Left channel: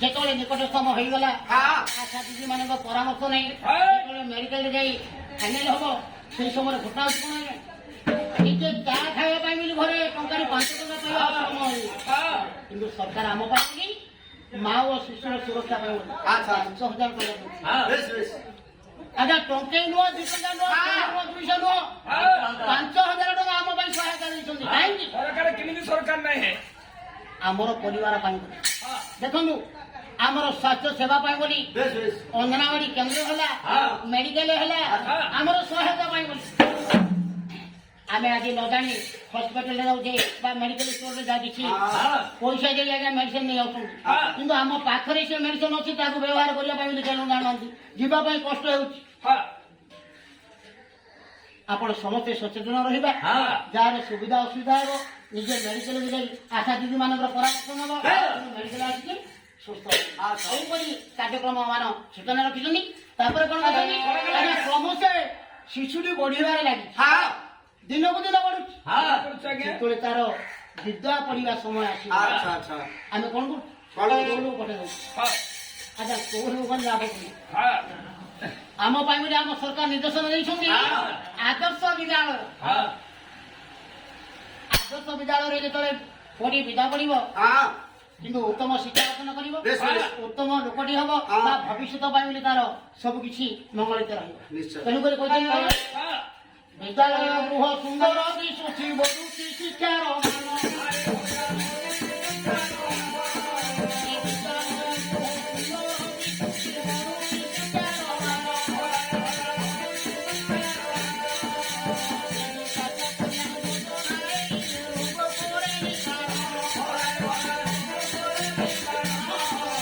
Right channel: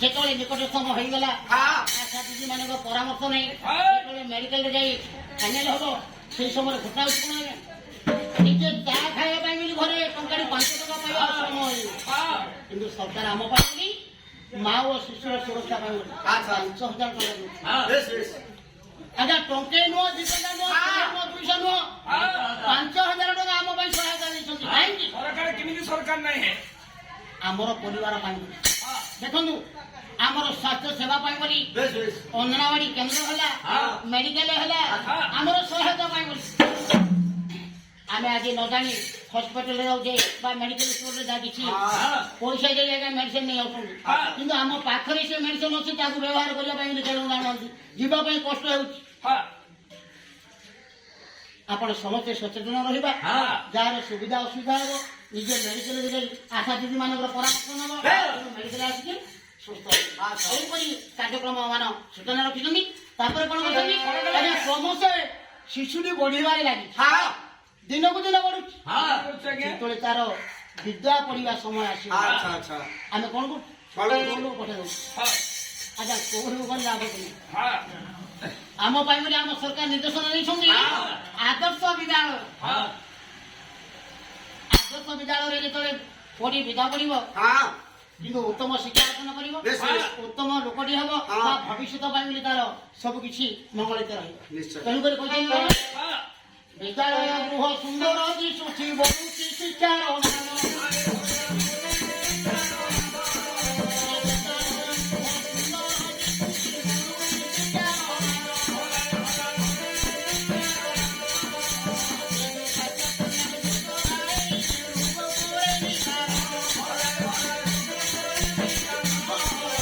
ଯେତେବେଳେ ନିକଟତମ ହେଇଗଲା ଆଶା ଦିଦି ମାନଙ୍କ ପରାମର୍ଶ ନେଇ ଯେତେବେଳେ ମେଡିକାଲରେ ଯାଇ ଫାଇନାଲ ହବ ସେଇ ସମୟରେ ଘଟଣା ହେଉଛି କଣ ନିଜେ ଚା ଖାଇବା ପାଇଁ ବୋଲି ଘରେ ଟଙ୍କାରେ 5 ଟଙ୍କା ପାଇବା ସମୟ କିନ୍ତୁ ସରକାର ଆମ ପାଇଁ ବୋଲି ମା ଓ ଶିଶୁର ସୁରକ୍ଷା ପାଇଁ ବୋଲି 5,000 ଟଙ୍କା ଆଜ୍ଞା ଟଙ୍କେ ନୁହଁ 2 ଟଙ୍କା ନୁହଁ 200 ନୁହଁ 5,000 ଟଙ୍କା ଆମ ପାଇଁ ସହାୟତା ଦେଇଛନ୍ତି କାହିଁକି ସରକାର କେମିତି ସରକାର ନାହିଁ ଆମର ପରିବାର ପାଇଁ ଦେଖନ୍ତୁ ଆମର ସ୍ୱାସ୍ଥ୍ୟ ସେବା ପାଇଁ ବୋଲି ଅଙ୍ଗନବାଡି କେନ୍ଦ୍ର ହେଲା ମେଡିକାଲ ହେଲା ଆମର ସହାୟତା ପାଇଁ ବୋଲି ଆମେ ଆଜି ନ ଜାଣି ହସ୍ପିଟାଲରେ ଯାଉଛେ ବା ମେଡିକାଲ ଷ୍ଟୋରରେ ଯାଇକି ପଇସା ଦେଇ ଆଜ୍ଞା ମେଡିସିନ ନେଇ ଆସୁଛନ୍ତି କିନ୍ତୁ ଆମ ପାଖରେ ସେ ମେଡିସିନ ଅଛି ତାକୁ ବ୍ୟବହାର କରିବା ପାଇଁ ବୋଲି କେଉଁ ଜାଣନ୍ତି ଯିବା ପାଇଁ କଷ୍ଟ ହେଉଛି ଆପଣ ସମସ୍ତେ ସଚେତନ ରହିବା ଯାହାର ସୁବିଧା ଅସୁବିଧା ହେବ ନିଜ ମେଡିକାଲରେ ଯାଇ ଆଶା ଦିଦି ମାନଙ୍କର ପରାମର୍ଶ ନେବ ମେଡିକାଲ ଆସିକି ସୁସ୍ଥ ଏହିପରି କାର୍ଯ୍ୟକ୍ରମ ମାନ ସୂଚନା ରଖିଛନ୍ତି ତାପରେ କଣ କରୁଛନ୍ତି ସମସ୍ତେ ଶିଶୁଟି ବଢିବାରେ ଲାଗିଛି ଦିନକୁ ଦିନ ବଢୁଛି ଯେତେବେଳେ ତାର ବିଦ୍ୟା ପଢିବା ସମୟ ଆସିବ ଆମେ କଣ କରୁଛୁ ପଠେଇ ଦଉଛୁ ଆଚ୍ଛା କୋଉ କଣ ଲାଭ କରୁ ଆମ ପାଇଁ ବୋଲି ଆମ ସରକାର ନିର୍ଦ୍ଦେଶନା ଦେଇଛନ୍ତି ଆଦର୍ଶ ବିଦ୍ୟାଳୟରେ ଯେତେବେଳେ ପଢି ବିଦା ପଡିବ କିନ୍ତୁ ଉତ୍ତମ ଶିକ୍ଷା ଅର୍ଜନ କରିବ ଉତ୍ତମ ଲୋକଟି ହବ ତା ଭବିଷ୍ୟତ ପାଇଁ ବୋଲି ତାର ସବୁ କିଛି ମଙ୍ଗଳିତ ରହିବ ତେଣୁକରି କହିଛନ୍ତି ବିଦ୍ୟାଳୟ ଗୃହ ସୁନ୍ଦର ଦିଶୁଛି ବଢୁଛି ଶିକ୍ଷାର